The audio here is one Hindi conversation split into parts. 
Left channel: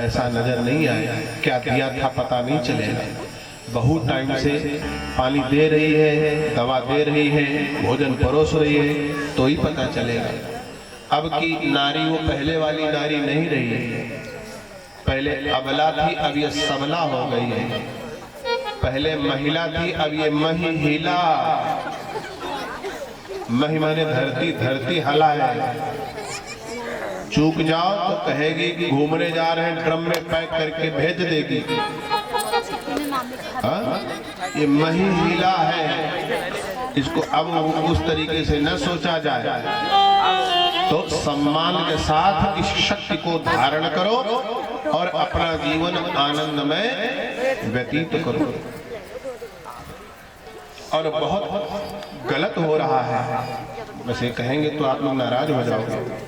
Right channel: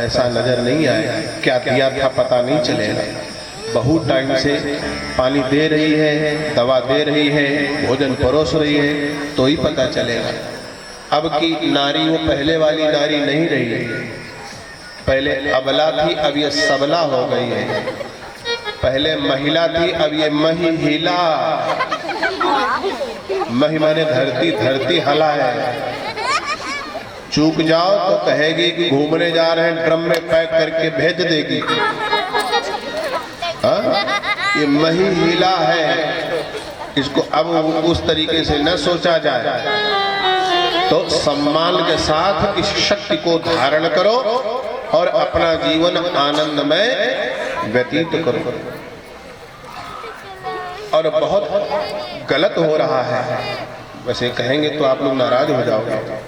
पैसा नजर नहीं आए, क्या दिया था पता नहीं चलेगा। बहुत टाइम से पानी दे रही है, दवा दे रही है, भोजन परोस रही है, तो ही पता चलेगा। अब की नारी वो पहले वाली नारी नहीं रही है। पहले अबला थी, अब ये सबला हो गई है। पहले महिला थी, अब ये महिला। मही माने धरती, धरती हला है। चूक जाओ तो कहेगी कि घूमने जा रहे हैं, ड्रम में पैक करके भेज देगी। ये महिला है, इसको अब उस तरीके से न सोचा जाए। तो सम्मान के साथ इस शक्ति को धारण करो और अपना जीवन आनंदमय व्यतीत करो। और बहुत गलत हो रहा है, वैसे कहेंगे तो आप लोग नाराज हो जाओगे।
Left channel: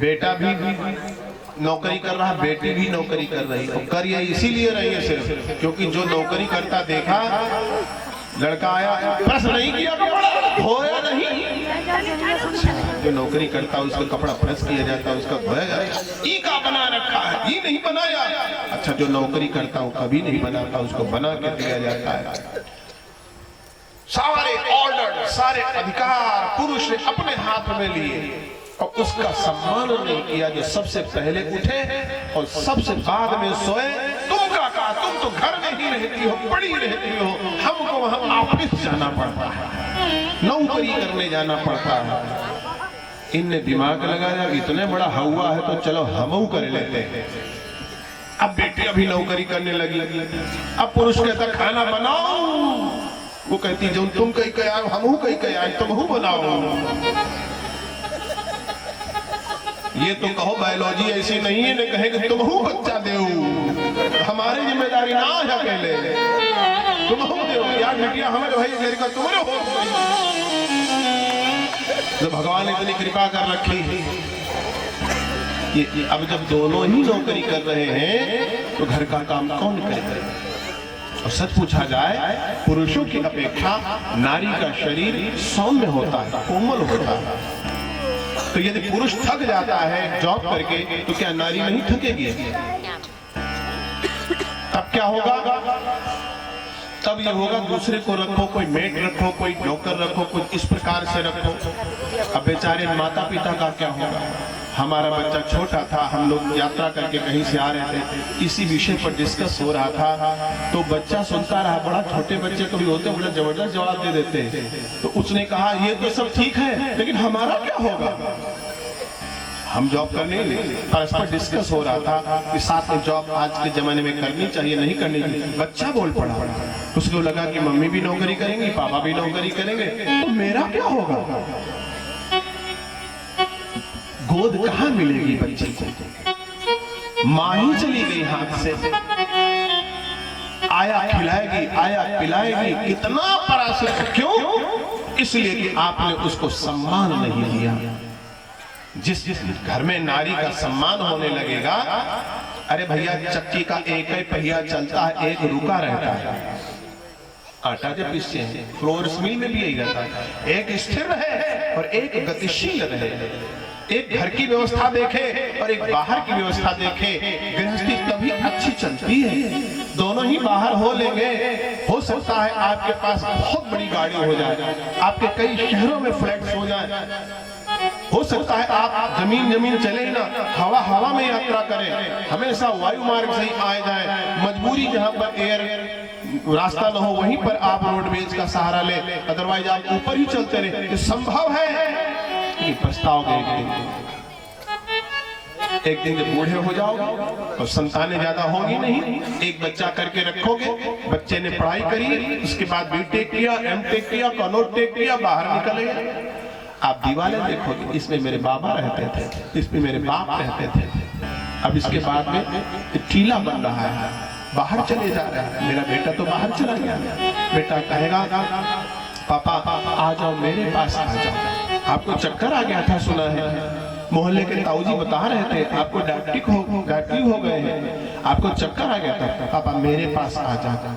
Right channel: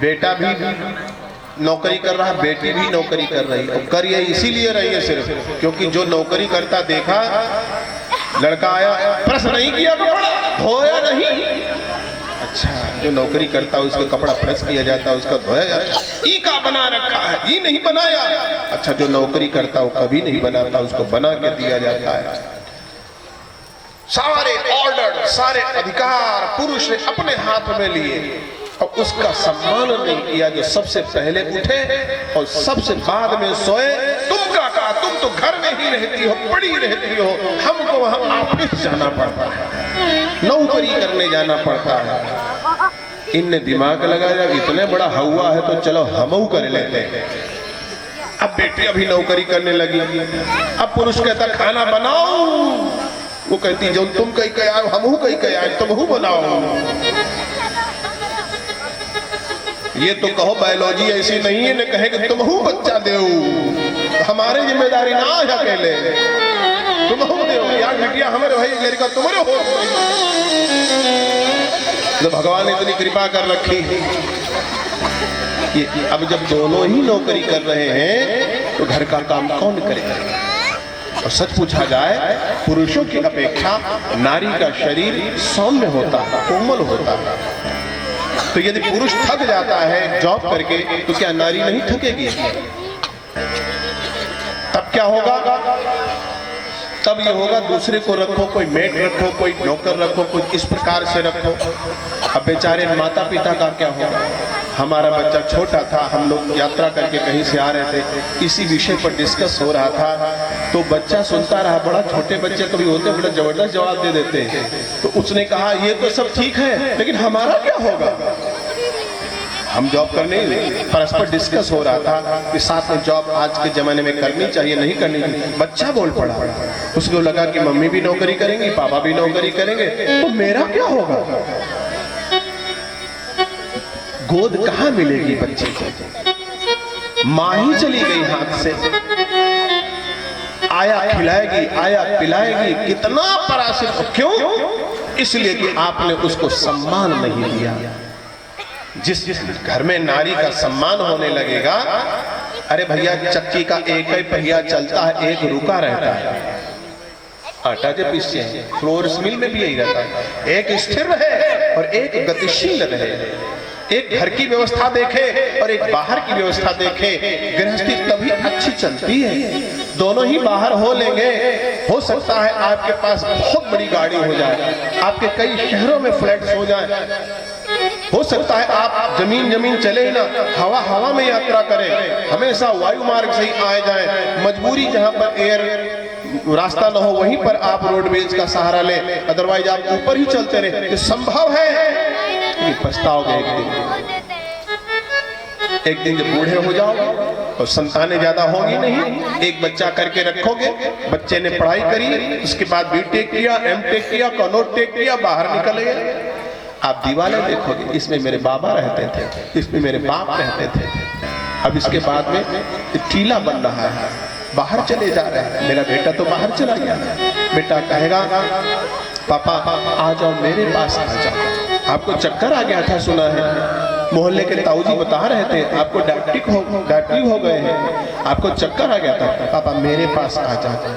बेटा भी नौकरी कर रहा है, बेटी भी नौकरी कर रही है। कर ये इसीलिए रही है सिर्फ क्योंकि जो नौकरी करता देखा, लड़का आया, प्रेस नहीं किया, कपड़ा धोया नहीं। अच्छा, जो नौकरी करता है उसका कपड़ा प्रेस किया जाता है, उसका धोया जाता है। ई का बना रखा है, ई नहीं बनाया। अच्छा, जो नौकरी करता है वो कभी नहीं बनाता, उसको बना के दिया जाता है। सारे ऑर्डर, सारे अधिकार पुरुष ने अपने हाथ में लिए और उसका सम्मान नहीं किया। जो सबसे पहले उठे और सबसे बाद में सोए। तुम काका, तुम तो घर में ही रहती हो, पड़ी रहती हो, हमको वहां ऑफिस जाना पड़ता है, नौकरी करने जाना पड़ता है। इनने दिमाग लगाया, इतने बड़ा हवा है तो चलो हमऊ कर लेते हैं। अब बेटी अभी नौकरी करने लगी। अब पुरुष कहता खाना बनाओ, वो कहती जो तुम कहीं कह आए हमहू कहीं कह आए, तुम बनाओ। ये तो कहो बायोलॉजी ऐसी नहीं है, न कहे कि तुम हूँ बच्चा देऊ, हमारे जिम्मेदारी ना है अकेले, तुम हो देऊ यार बिटिया, हमारे भाई लड़का तुम्हारे हो। तो भगवान ने इतनी कृपा कर रखी है। अब जब दोनों ही नौकरी कर रहे हैं तो घर का काम कौन करेगा? और सच पूछा जाए, पुरुषों की अपेक्षा नारी का शरीर सौम्य होता है, कोमल होता है। तो यदि पुरुष थक जाता है जॉब करके तो क्या नारी नहीं थकेगी? तब क्या होगा? तब ये होगा दूसरे को रखो, कोई मेट रखो, कोई नौकर रखो, कोई इस प्रकार से रखो। अब बेचारे माता पिता का क्या होगा? हमारा बच्चा छोटा था, हम लोग यात्रा करके कहीं से आ रहे थे, इसी विषय पर डिस्कस हो रहा था। तो बच्चा सुनता रहा, बड़ा छोटे बच्चे कभी होते बड़ा जबरदस्त जवाब दे देते हैं। तो उसने कहा ये तो सब ठीक है, लेकिन हमारा क्या होगा? हम जॉब करने ही नहीं, परस्पर डिस्कस हो रहा था कि साथ में जॉब आज के जमाने में करनी चाहिए नहीं करनी चाहिए। बच्चा बोल पड़ा, उसको लगा कि मम्मी भी नौकरी करेंगी, पापा भी नौकरी करेंगे, तो मेरा क्या होगा? गोद कहाँ मिलेगी बच्चे को? माँ ही चली गई हाथ से। आया खिलाएगी, आया पिलाएगी, कितना पराश्रित। क्यों? इसलिए कि आपने उसको सम्मान नहीं दिया। जिस घर में नारी का सम्मान होने लगेगा, अरे भैया चक्की का एक ही पहिया चलता है, एक रुका रहता है। आटा जब पीसते हैं, फ्लोर मिल में भी यही रहता है, एक स्थिर रहे और एक गतिशील रहे। एक घर की व्यवस्था देखे और एक बाहर की व्यवस्था देखे, गृहस्थी तभी अच्छी चलती है। दोनों ही बाहर हो लेंगे, हो सकता है आपके पास बहुत बड़ी गाड़ी हो जाए, आपके कई शहरों में फ्लैट्स हो जाए, हो सकता है आप जमीन चले ही ना, हवा में यात्रा करें, हमेशा वायु मार्ग से ही आए जाए। मजबूरी जहां पर एयर रास्ता न हो वहीं पर आप रोडवेज का सहारा ले, अदरवाइज आप ऊपर ही चलते रहे। ये संभव है। पछताओगे एक दिन जब बूढ़े हो जाओगे और संतानें ज्यादा होंगी नहीं, एक बच्चा करके रखोगे, बच्चे ने पढ़ाई करी, उसके बाद बीटेक किया, एमटेक किया, कॉनोटेक किया, बाहर निकल गए। आप दीवारें देखोगे, इसमें मेरे बाबा रहते थे, इसमें मेरे बाप रहते थे। अब इसके बाद में टीला बन रहा है, बाहर चले जा रहे हैं। मेरा बेटा तो बाहर चला गया। बेटा कहेगा पापा आ जाओ मेरे पास आ जाओ, आपको चक्कर आ गया था सुना है, मोहल्ले के ताऊजी बता रहे थे आपको डायबिटीज हो गए हैं, आपको चक्कर आ गया था, पापा मेरे पास आ जाओ।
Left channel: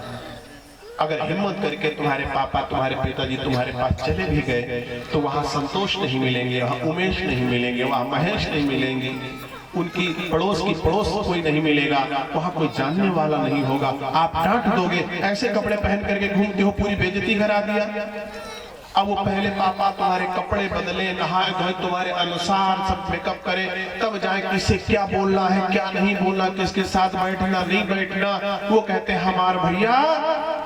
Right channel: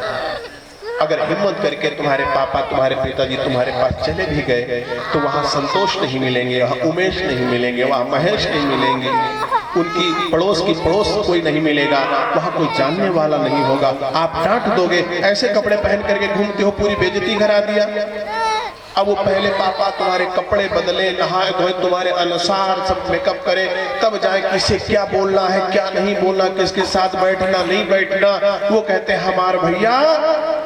अगर हिम्मत करके तुम्हारे पापा तुम्हारे पिताजी तुम्हारे पास चले भी गए तो वहां संतोष नहीं मिलेंगे, वहां उमेश नहीं मिलेंगे, वहां महेश नहीं मिलेंगे। उनकी पड़ोस की पड़ोस कोई नहीं मिलेगा, वहां कोई जानने वाला नहीं होगा। आप डांट दोगे, ऐसे कपड़े पहन करके घूमते हो, पूरी बेइज्जती करा दिया। अब वो पहले पापा तुम्हारे कपड़े बदले, नहाए धोए, तुम्हारे अनुसार सब मेकअप करे, तब जाए किसे क्या बोलना है क्या नहीं बोलना, किसके साथ बैठना नहीं बैठना। वो कहते हैं हमारे भैया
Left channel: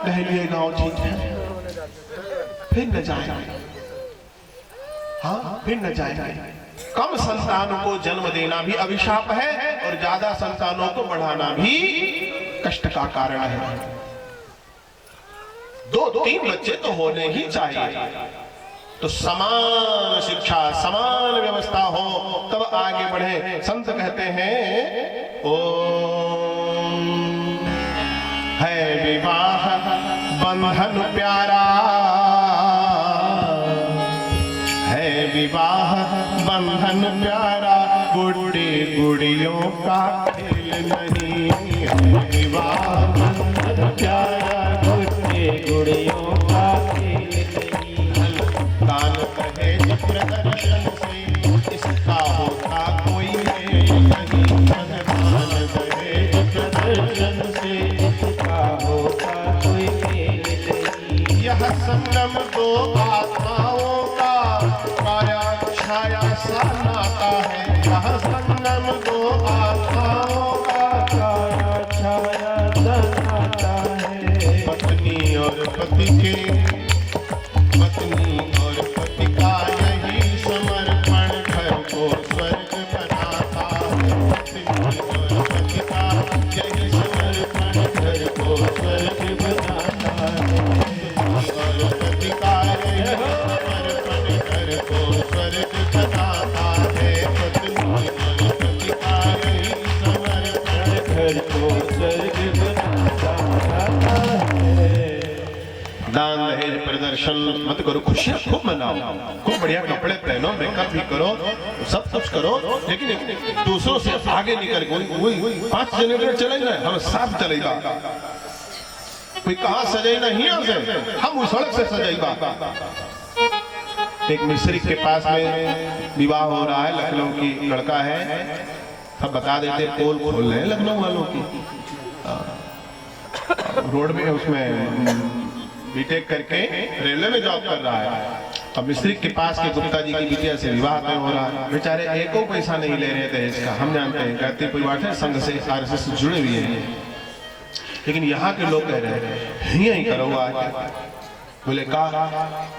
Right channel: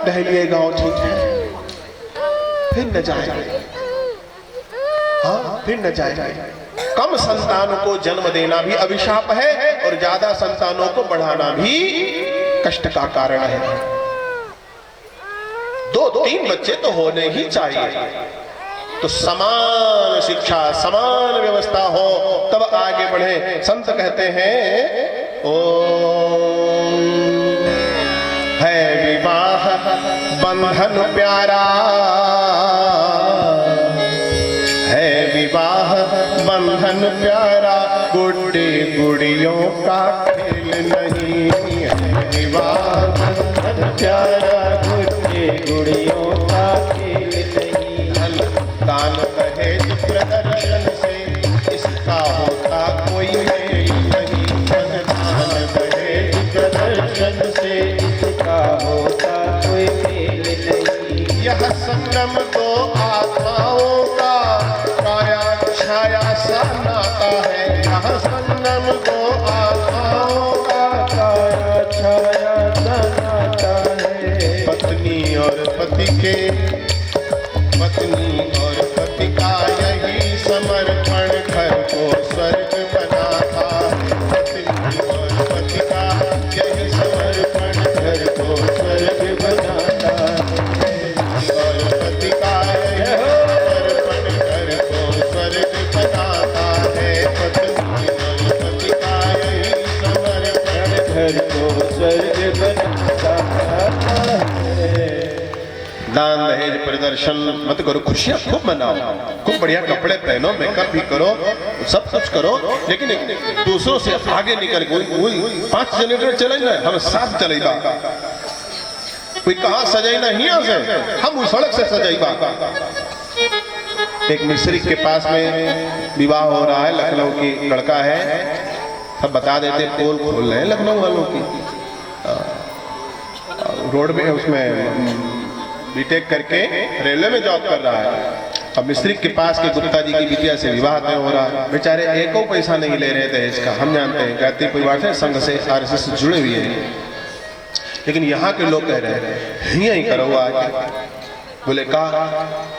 दहलिए गांव ठीक है, फिर न जाएंगे। हाँ, फिर न जाएंगे। कम संतानों को जन्म देना भी अभिशाप है और ज्यादा संतानों को बढ़ाना भी कष्ट का कारण है। 2-3 बच्चे तो होने ही चाहिए, तो समान शिक्षा समान व्यवस्था हो तब आगे बढ़े। संत कहते हैं ओम है विवाह बंधन प्यारा, है विवाह बंधन प्यारा, गुड्डी गुड़ियों का खेल नहीं है। विवाह बंधन प्यारा, गुड्डी गुड़ियों का खेल नहीं। दान कहे प्रदर्शन से इसका होता कोई मेल नहीं। दान कहे प्रदर्शन से इसका होता कोई मेल नहीं। यह संगम दो आत्माओं का काया छाया सा नाता है। यह संगम दो आत्माओं का काया छाया सा नाता है। पत्नी और पति के, पत्नी और पति का यही समर्पण घर को स्वर्ग बनाता। पत्नी और पति का यही समर्पण घर को स्वर्ग बनाता है। और पति का यही समर्पण घर को स्वर्ग बनाता है। पत्नी और पति का यही समर्पण घर को स्वर्ग बनाता है। दान दहेज प्रदर्शन मत करो, खुशियां खूब मनाओ, खूब बढ़िया कपड़े पहनो, मेकअप भी करो, सब कुछ करो, लेकिन दूसरों से आगे निकल कोई 5 जनरेटर चलेगा, हम 7 चलेगा। कोई कहाँ सजेगा हिया से, हम उस सड़क से सजेगा। एक मिस्त्री के पास में विवाह हो रहा है, लखनऊ की लड़का है, सब बता देते पोल खोल रहे हैं लखनऊ वालों की। रोड में उसमें बीटेक करके रेलवे में जॉब कर रहा है। अब मिस्त्री के पास के गुप्ता जी की बिटिया से विवाह तय हो रहा है। बेचारे एको पैसा नहीं ले रहे थे इसका, हम जानते हैं, गायत्री परिवार से, संघ से, आरएसएस से जुड़े हुए हैं, लेकिन यहाँ के लोग कह रहे हैं यही करो आज। बोले का,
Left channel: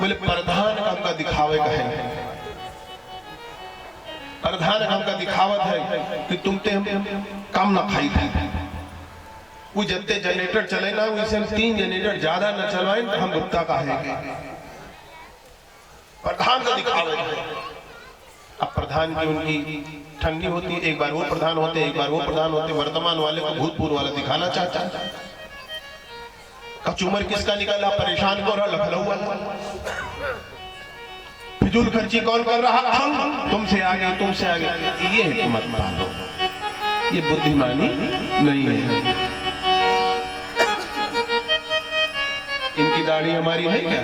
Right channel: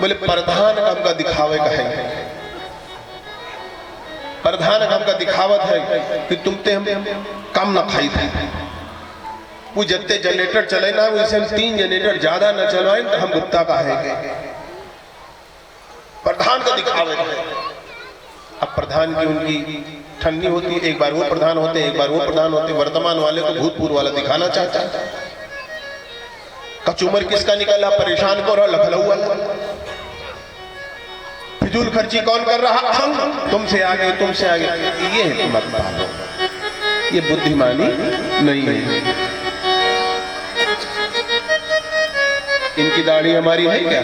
बोले प्रधान काम का दिखावे का है, प्रधान काम का दिखावत है कि तुम ते हम कम ना खाई थे। वो जितने जनरेटर चले ना, वैसे 3 जनरेटर ज्यादा न चलवाएं तो हम गुप्ता का है। प्रधान का दिखावे है। अब प्रधान की उनकी ठंडी होती है, एक बार वो प्रधान होते, एक बार वो प्रधान होते। वर्तमान वाले को भूतपूर्व वाला दिखाना चाहता है। कचूमर किसका निकला, परेशान को रहा लखनऊ वाला। फिजूल खर्ची कौन कर रहा, हम, तुमसे आगे तुमसे आगे। ये मत मानो, ये बुद्धिमानी नहीं है। इनकी दाढ़ी हमारी है क्या,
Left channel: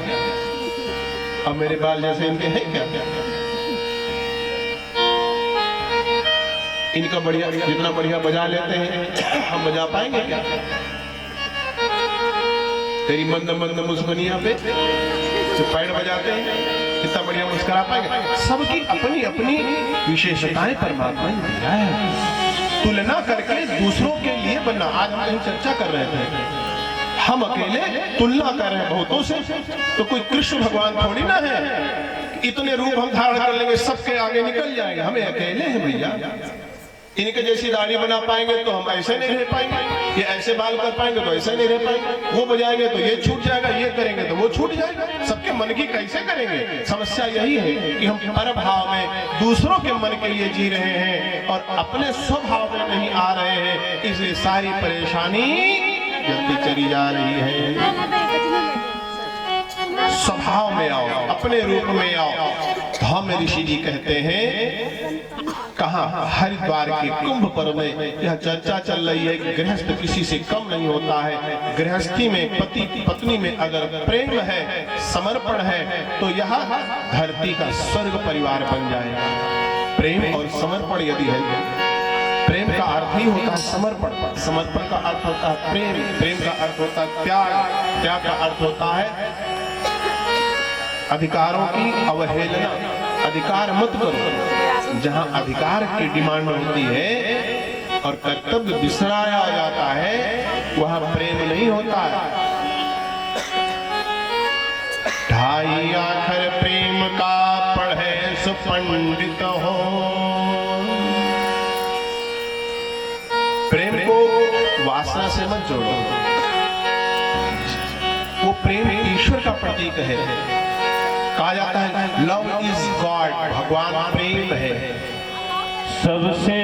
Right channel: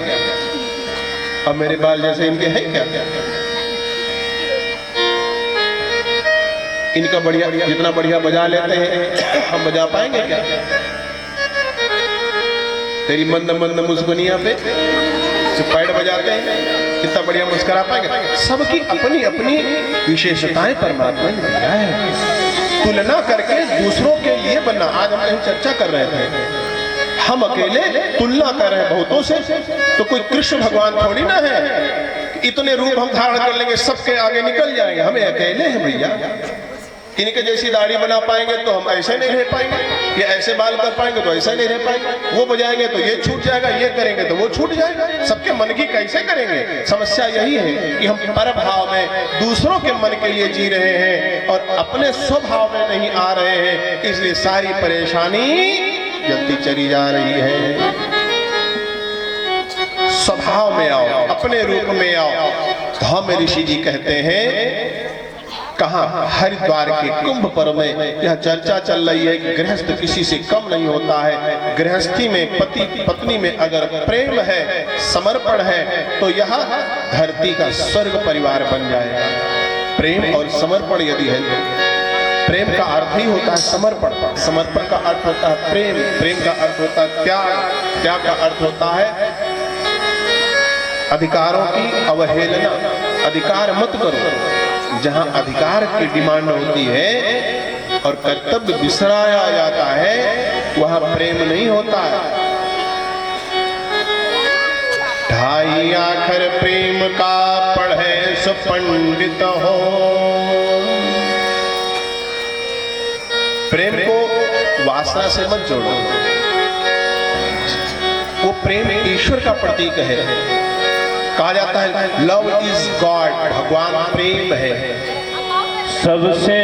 अब मेरे बाल जैसे इनके हैं क्या? इनका बढ़िया, जितना बढ़िया बजा लेते हैं हम बजा पाएंगे क्या? तेरी मंद मंद मुस्कुनिया पे जो पैड बजाते हैं कितना बढ़िया मुस्कुरा पाएंगे। सबकी अपनी अपनी विशेषताएं परमात्मा ने दिया है, तुलना करके दूसरों के लिए बनना। आज हम यही चर्चा कर रहे थे, हम अकेले तुलना कर रहे हैं बहुतों से, तो कोई कृष्ण भगवान थोड़ी ना है इतने रूप हम धारण कर लेंगे सबके आगे निकल जाएंगे। हम अकेले हैं भैया। इनके जैसी दाढ़ी बना पाएंगे तो हम ऐसे नहीं रह पाएंगे, ये ऐसे बाल कर पाएंगे तो ऐसे नहीं रह पाएंगे, वो बजाएंगे तो ये छूट जाएगा, ये करेंगे तो वो छूट जाएगा। सबके मन की कैसे करेंगे? समस्या यही है कि हम पर भाव में दूसरों के मन के लिए जी रहे हैं और अपने स्वभाव में नहीं आ रहे हैं, इसलिए सारी परेशानी जल्दी चली जा रही है। स्वभाव में आओ, अपने रूप में आओ। तो हम ऋषि जी कहते हैं, कहाँ हरिद्वार के कुंभ पर्व में यह चर्चा चल रही है कि गृहस्थ किसी से कम नहीं होता है। गृहस्थी में पति पत्नी में अगर प्रेम है, समर्पण है, तो यह धरती का स्वर्ग परिवार बन जाएगा। प्रेम और समर्पण यदि है प्रेम का अर्थ ही होता है समर्पण। समर्पण का अर्थ होता है प्रेम, प्रेम का अर्थ होता है त्याग, त्याग का अर्थ होता है अधिकारों की अवहेलना। अधिकार मत करो। जहां अधिकार की डिमांड होती है और कर्तव्य बिसराया जाता है, वह प्रेम नहीं होता है। ढाई आखर प्रेम का पढ़े सो पंडित हो। प्रेम को वासना से मत जोड़ो। वो प्रेम ईश्वर का प्रतीक है। कहा जाता है लव इज गॉड, भगवान प्रेम है। सबसे